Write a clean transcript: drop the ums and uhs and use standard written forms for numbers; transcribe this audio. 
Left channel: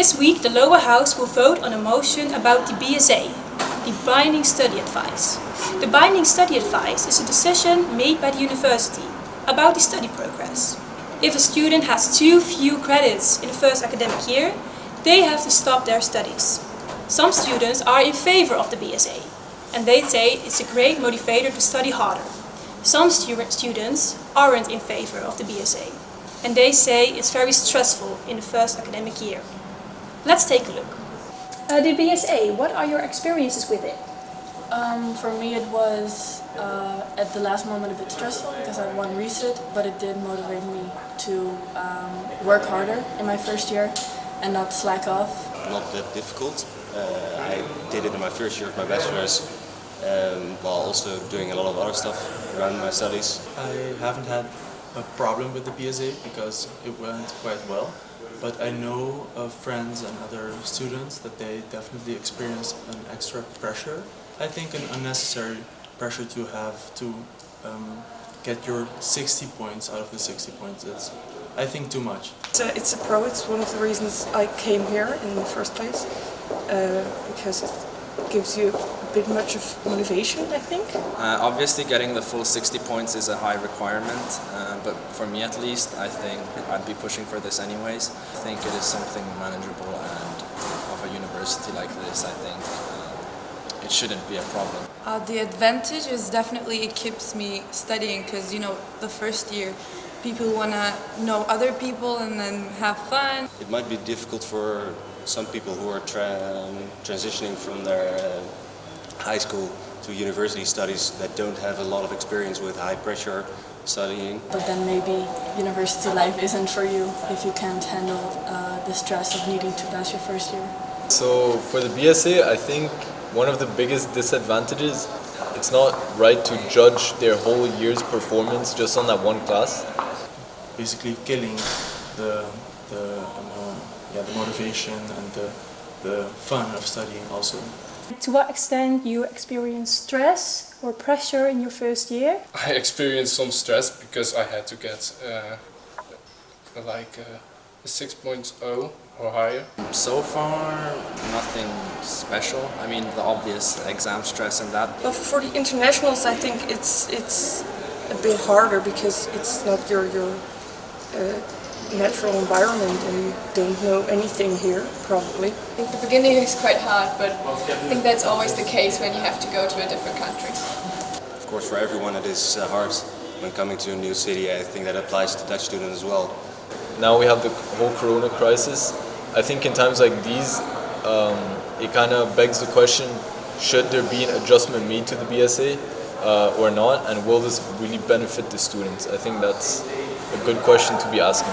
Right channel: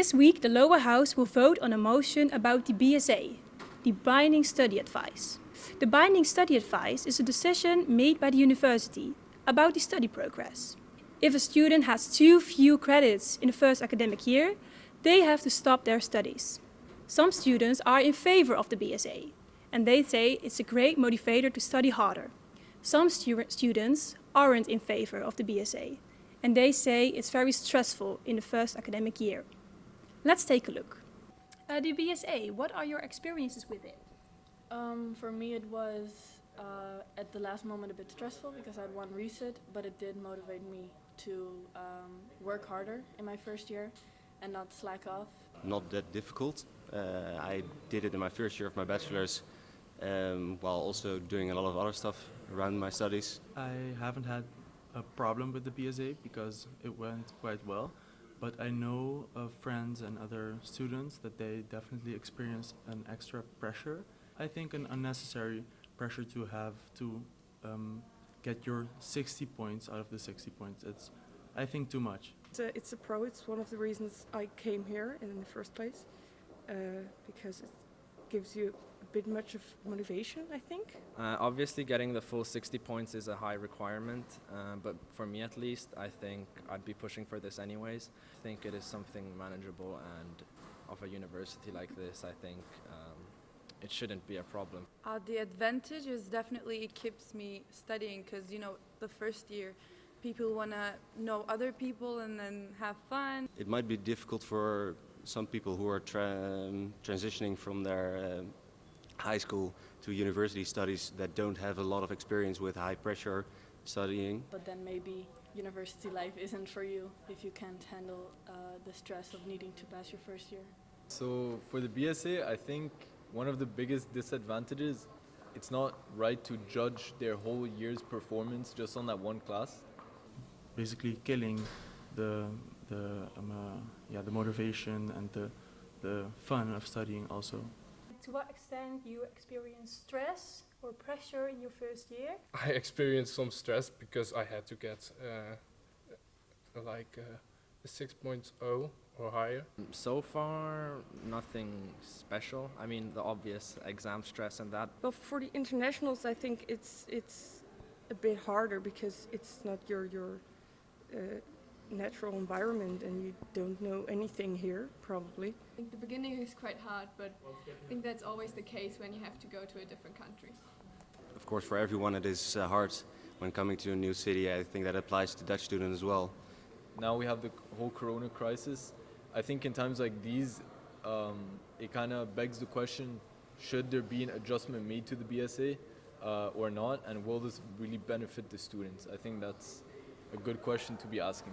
This week, the lower house will vote on a motion about the BSA, the Binding Study Advice. The Binding Study Advice is a decision made by the university about the study progress. If a student has too few credits in the first academic year, they have to stop their studies. Some students are in favor of the BSA, and they say it's a great motivator to study harder. Some students aren't in favor of the BSA, and they say it's very stressful in the first academic year. Let's take a look. The BSA, what are your experiences with it? For me it was at the last moment a bit stressful because I had one resit, but it did motivate me to work harder in my first year and not slack off. Not that difficult. I did it in my first year of my bachelor's while also doing a lot of other stuff around my studies. I haven't had a problem with the BSA because it went quite well, but I know of friends and other students that they definitely experience an extra pressure. I think an unnecessary pressure to have to get your 60 points out of the 60 points. It's, I think, too much. It's a pro. It's one of the reasons I came here in the first place, because it gives you a bit much of motivation, I think. Obviously getting the full 60 points is a high requirement, but for me at least, I think I'd be pushing for this anyways. I think it is something manageable, and of a university like this, I think it shouldn't be a problem. The advantage is definitely it keeps me studying because, you know, the first year people want to know other people and then have fun. It might be difficult for some people who are transitioning from their high school to university studies that don't have a lot of experience with high pressure studying. But then maybe university life isn't for you if you can't handle the stress of needing to pass your first year. So for the BSA, I think one of the biggest disadvantages, it's not right to judge their whole year's performance just on that one class. Basically killing the motivation and the fun of studying also. To what extent you experience stress or pressure in your first year? I experienced some stress because I had to get a 6.0 or higher. So far, nothing special. I mean, the obvious exam stress and that. Well, for the internationals, I think it's a bit harder because it's not your natural environment and you don't know anything here, probably. I think the beginning is quite hard, but I think that's always the case when you have to go to a different country. Of course, for everyone it is hard when coming to a new city. I think that applies to Dutch students as well. Now we have the whole corona crisis. I think in times like these, it kind of begs the question, should there be an adjustment made to the BSA or not, and will this really benefit the students? I think that's a good question to be asking.